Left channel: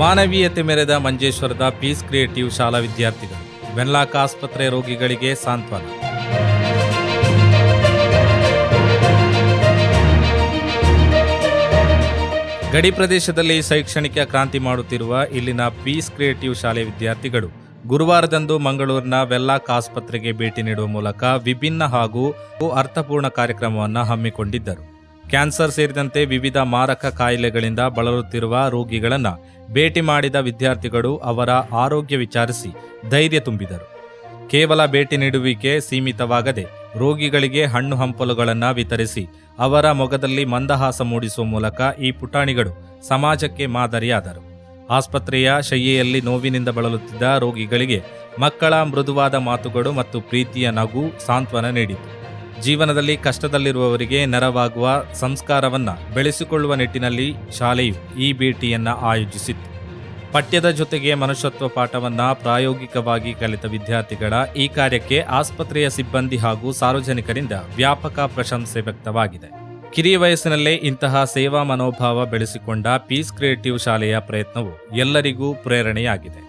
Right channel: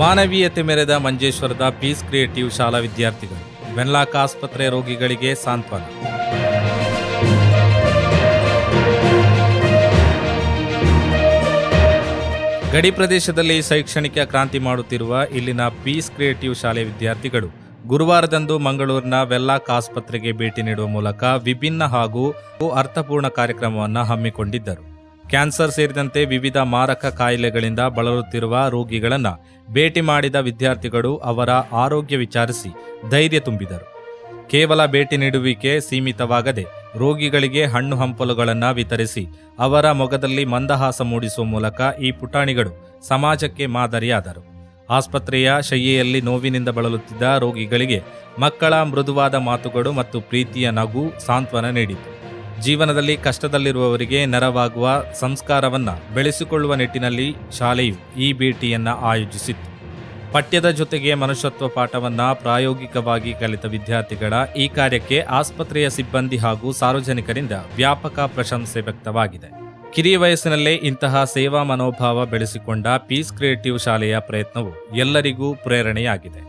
ಮಾನವೀಯತೆ ಮೆರೆದ ಮಂಜೇಶ್ವರದ piece creative ಶಾಲಾ ವಿದ್ಯಾರ್ಥಿಗಳು. ವೆನ್ಲಾಕ್ ಆಸ್ಪತ್ರೆ ರೋಗಿಗಳಿಗೆ ಸಾಂತ್ವನ. ಗಡಿ ಪ್ರದೇಶದಲ್ಲಿ ಶೈಕ್ಷಣಿಕ ಕ್ರಾಂತಿ ಮಾಡುತ್ತಿರುವ ಇಲ್ಲಿನ ಪೀಸ್ ಕ್ರಿಯೇಟಿವ್ ಶಾಲೆ ವಿದ್ಯಾರ್ಥಿಗಳು ಗುರುವಾರದಂದು ಮಂಗಳೂರಿನ ವೆನ್ಲಾಕ್ ಆಸ್ಪತ್ರೆಗೆ ಭೇಟಿ ನೀಡುವ ಮೂಲಕ ವಿಭಿನ್ನ ಹಾಗೂ ಅರ್ಥಪೂರ್ಣ ಕಾರ್ಯಕ್ರಮವನ್ನು ಹಮ್ಮಿಕೊಂಡಿದ್ದರು. ಕ್ಯಾನ್ಸರ್ ಸೇರಿದಂತೆ ವಿವಿಧ ಮಾರಕ ಕಾಯಿಲೆಗಳಿಂದ ಬಳಲುತ್ತಿರುವ ರೋಗಿಗಳನ್ನು ಭೇಟಿ ಮಾಡಿದ ವಿದ್ಯಾರ್ಥಿಗಳು ಅವರ ಆರೋಗ್ಯ ವಿಚಾರಿಸಿ ಧೈರ್ಯ ತುಂಬಿದರು. ಕೇವಲ ಭೇಟಿ ನೀಡುವಿಕೆ ಸೀಮಿತವಾಗದೆ ರೋಗಿಗಳಿಗೆ ಹಣ್ಣು ಹಂಪಲುಗಳನ್ನು ವಿತರಿಸಿ ಅವರ ಮೊಗದಲ್ಲಿ ಮಂದಹಾಸ ಮೂಡಿಸುವ ಮೂಲಕ ಈ ಪುಟಾಣಿಗಳು ಸಮಾಜಕ್ಕೆ ಮಾದರಿಯಾದರು. ಆಸ್ಪತ್ರೆಯ ಶಯ್ಯೆಯಲ್ಲಿ ನೋವಿನಿಂದ ಬಳಲುತ್ತಿದ್ದ ರೋಗಿಗಳಿಗೆ ಮಕ್ಕಳ ಮೃದುವಾದ ಮಾತುಗಳು ಮತ್ತು ಪ್ರೀತಿಯ ನಗು ಸಾಂತ್ವನ ನೀಡಿತು. ಜೀವನದಲ್ಲಿ ಕಷ್ಟದಲ್ಲಿರುವವರಿಗೆ ನೆರವಾಗುವ ಸಂಸ್ಕಾರವನ್ನು ಬೆಳೆಸಿಕೊಳ್ಳುವ ನಿಟ್ಟಿನಲ್ಲಿ ಶಾಲೆಯು ಈ ಭೇಟಿಯನ್ನು ಆಯೋಜಿಸಿತ್ತು. ಪಠ್ಯದ ಜೊತೆಗೆ ಮನುಷ್ಯತ್ವ ಪಾಠವನ್ನು ಪ್ರಾಯೋಗಿಕವಾಗಿ ಕಲಿತ ವಿದ್ಯಾರ್ಥಿಗಳ ಈ ಕಾರ್ಯಕ್ಕೆ ಆಸ್ಪತ್ರೆಯ ಸಿಬ್ಬಂದಿ ಹಾಗೂ ಸಾರ್ವಜನಿಕರಿಂದ ವ್ಯಾಪಕ ಪ್ರಶಂಸೆ ವ್ಯಕ್ತವಾಗಿದೆ. ಕಿರಿಯ ವಯಸ್ಸಿನಲ್ಲೇ ಇಂತಹ ಸೇವಾ ಮನೋಭಾವ ಬೆಳೆಸಿಕೊಂಡ ಪೀಸ್ ಕ್ರಿಯೇಟಿವ್ ಶಾಲೆಯ ಪ್ರಯತ್ನವು ಎಲ್ಲರಿಗೂ ಪ್ರೇರಣೆಯಾಗಿದೆ.